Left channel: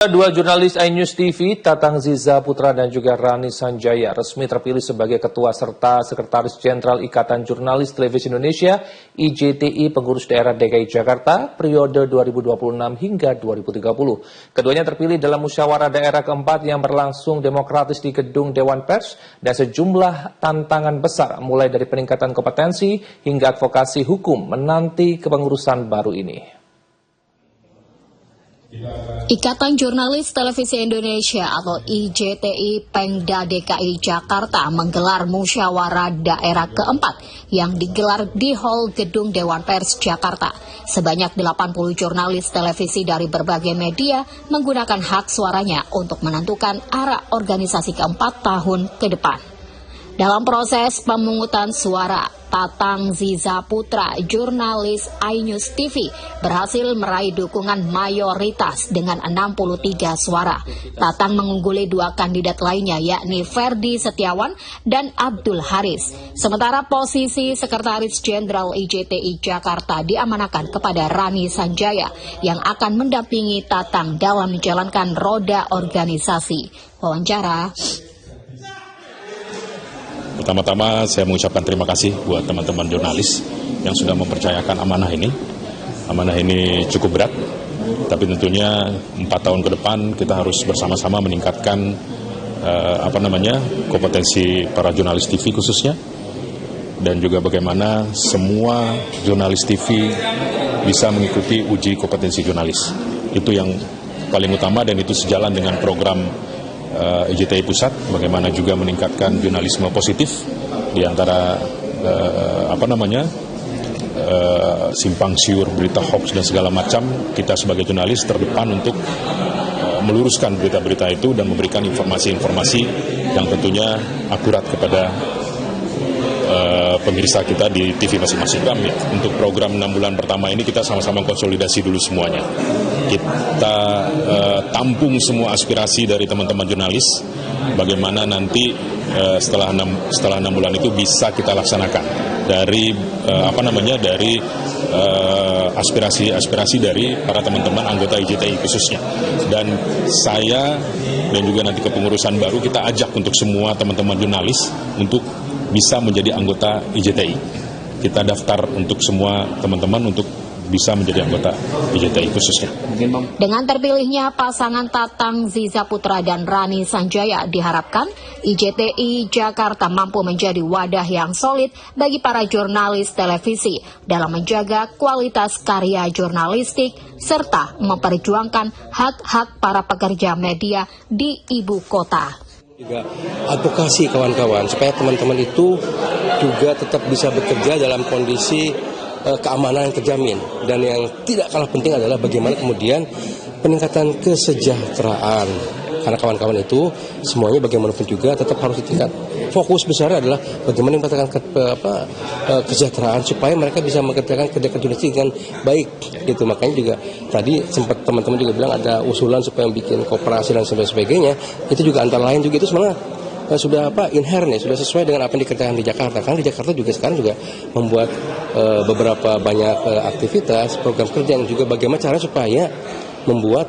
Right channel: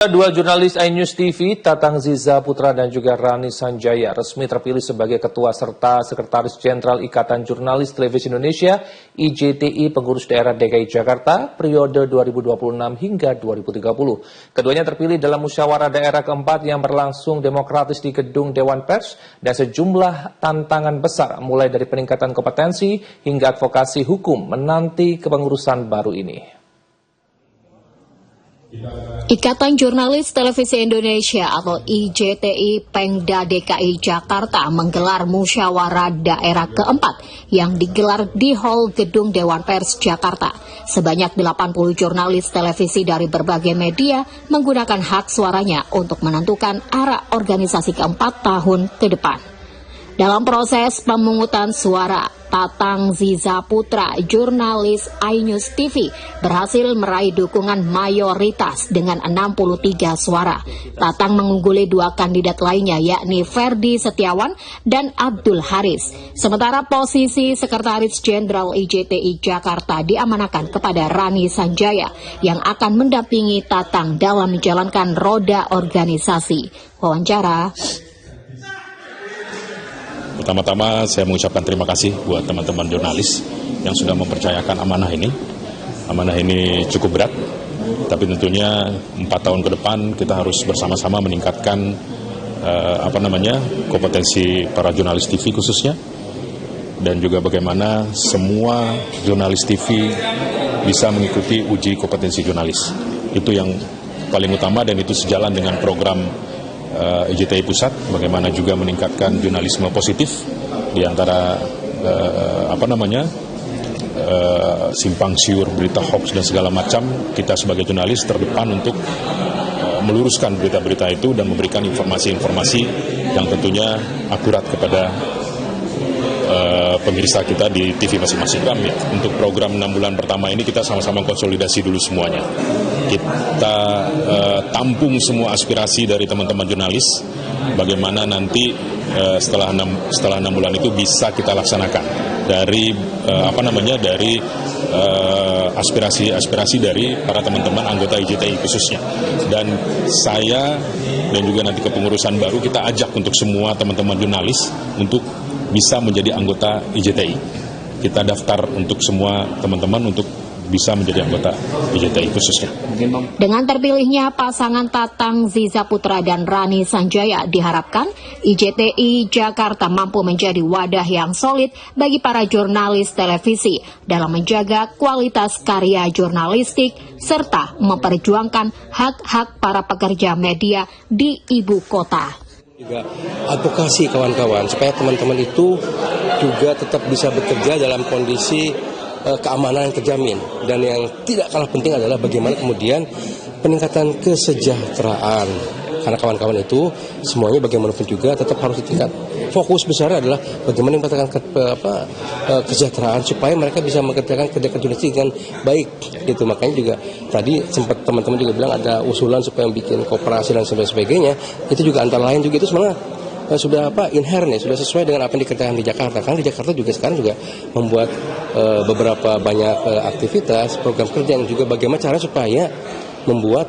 Dua jurnalis iNews TV, Tatang Ziza Putra dan juga Rani Sanjaya, resmi terpilih sebagai Ketua serta Sekretaris Jenderal Ikatan Jurnalis Televisi Indonesia (IJTI) Pengurus Daerah DKI Jakarta periode 2026 hingga 2030. Keduanya terpilih dalam musyawarah daerah keempat yang berlangsung demokratis di Gedung Dewan Pers dan sejumlah tantangan besar mulai dari peningkatan kompetensi hingga advokasi hukum menanti kepengurusan baru ini. Ikatan Jurnalis Televisi Indonesia atau IJTI Pengda DKI Jakarta menggelar musyawarah daerah keempat yang digelar di Hall Gedung Dewan Pers Jakarta. Sebanyak 80 jurnalis televisi dari berbagai media menggunakan hak suaranya untuk menentukan arah organisasi keempat tahun ke depan. Dalam proses pemungutan suara, Tatang Ziza Putra, jurnalis iNews TV, berhasil meraih dukungan mayoritas dengan 63 suara. Tatang mengungguli dua kandidat lainnya, yakni Ferdi Setiawan dan Abdul Haris. Sementara posisi Sekretaris Jenderal IJTI Jakarta diamanahkan kepada Rani Sanjaya yang akan mendampingi Tatang dalam menjalankan roda organisasi. Wawancara. Pertama-tama saya mengucapkan terima kasih buat teman-teman jurnalis yang sudah mempercayakan amanah ini. Amanah ini cukup berat, tapi tentunya 4 tahun ke depan kita harus bersama-sama meningkatkan kompetensi para jurnalis TV khususnya, dan juga bagaimana semua jurnalis TV bisa mengikuti uji kompetensi jurnalis. Itu yang paling utama dan itu sejalan dengan program IJTI Pusat, bagaimana juga meningkatkan jurnalisme positif di antara simpang siur berita hoax dan segala macam. Kita sebagai jurnalis terdepan untuk meluruskan berita-berita itu dan memberikan informasi-informasi yang tentunya akurat kepada pemirsa kita di TV masing-masing. Untuk program 6 bulan pertama ini kita sama-sama konsolidasi dulu semuanya. Kita tampung semua aspirasi dari teman-teman jurnalis, bagaimana nanti setelah 6 bulan itu bisa kita laksanakan dari aspirasi dari para teman-teman anggota IJTI khususnya. Dan saya dan juga nanti kepengurusan baru kita ajak untuk semua teman-teman jurnalis untuk bisa menjadi anggota IJTI. Kita daftar untuk semua teman-teman untuk bisa menjadi anggota IJTI khususnya. Dengan terpilihnya pasangan Tatang Ziza Putra dan Rani Sanjaya, diharapkan IJTI Jakarta mampu menjadi wadah yang solid bagi para jurnalis televisi dalam menjaga kualitas karya jurnalistik serta memperjuangkan hak-hak para pekerja media di ibu kota. Juga advokasi kawan-kawan supaya teman-teman itu juga tetap bisa bekerja dalam kondisi keamanan yang terjamin, dan yang tidak kalah penting adalah bagaimana kemudian peningkatan kesejahteraan, karena kawan-kawan itu semuanya bagaimanapun juga tetap harus ditingkat. Fokus besar adalah bagaimana meningkatkan kesejahteraan supaya mereka bisa mengerjakan kerja jurnalistik dengan baik gitu. Makanya juga tadi sempat teman-teman juga bilang ada usulan supaya bikin koperasi dan sebagainya. Itu juga antara lain juga itu sebenarnya sudah inherent ya, sudah sesuai dengan apa yang dikerjakan di Jakarta. Karena di Jakarta juga sekarang juga membuat beberapa banyak aktivitas, program kerja yang juga bagaimana cara supaya membuat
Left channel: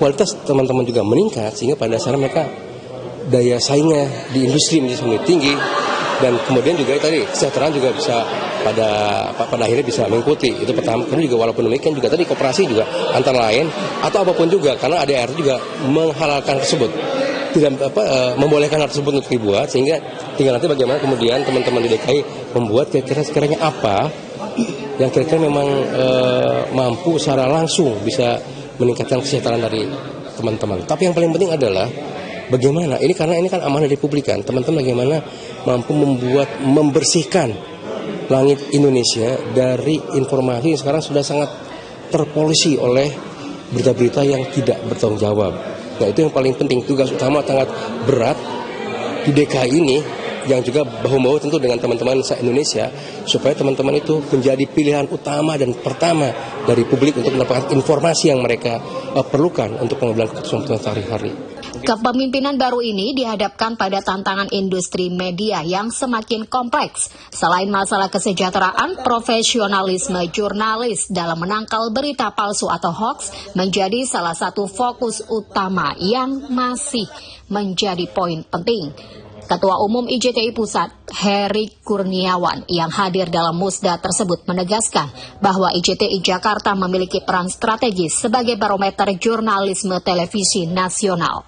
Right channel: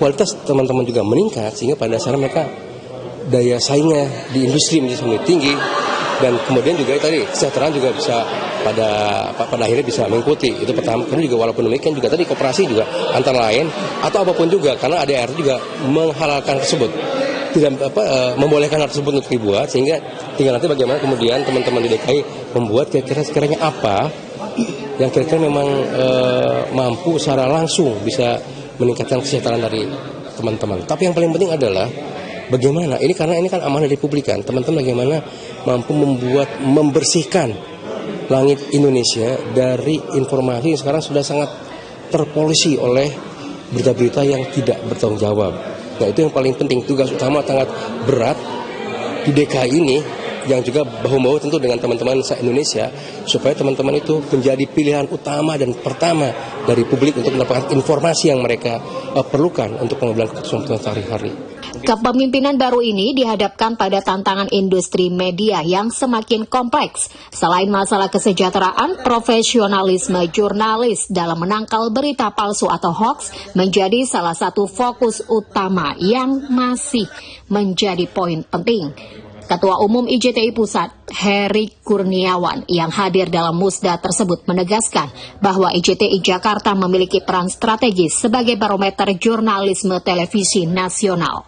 kualitas teman-teman juga meningkat, sehingga pada dasarnya mereka daya saingnya di industri menjadi semakin tinggi, dan kemudian juga tadi kesejahteraan juga bisa pada akhirnya bisa mengikuti. Itu pertama. Karena juga walaupun demikian juga tadi koperasi juga antara lain atau apapun juga, karena ADR juga menghalalkan tersebut, tidak membolehkan hal tersebut untuk dibuat, sehingga tinggal nanti bagaimana kemudian teman-teman di DKI membuat kira-kira apa yang kira-kira memang mampu secara langsung bisa meningkatkan kesejahteraan dari teman-teman. Tapi yang paling penting adalah bagaimana karena ini kan amanah dari publik kan, teman-teman bagaimana mampu membersihkan langit Indonesia dari informasi yang sekarang sudah sangat terpolusi oleh berita-berita yang tidak bertanggung jawab. Nah, itu yang paling penting, tugas utama sangat berat di DKI ini yang juga bahu-bahu tentu dengan teman-teman se-Indonesia, supaya teman-teman itu menjadi pilihan utama dan pertama dari publik untuk mendapatkan informasi yang mereka perlukan untuk pengambilan keputusan sehari-hari. Kepemimpinan baru ini dihadapkan pada tantangan industri media yang semakin kompleks. Selain masalah kesejahteraan, profesionalisme jurnalis dalam menangkal berita palsu atau hoax menjadi salah satu fokus utama yang masih menjadi poin penting. Ketua Umum IJTI Pusat, Heri Kurniawan, yang hadir dalam musda tersebut menegaskan bahwa IJTI Jakarta memiliki peran strategis sebagai barometer jurnalisme televisi nasional.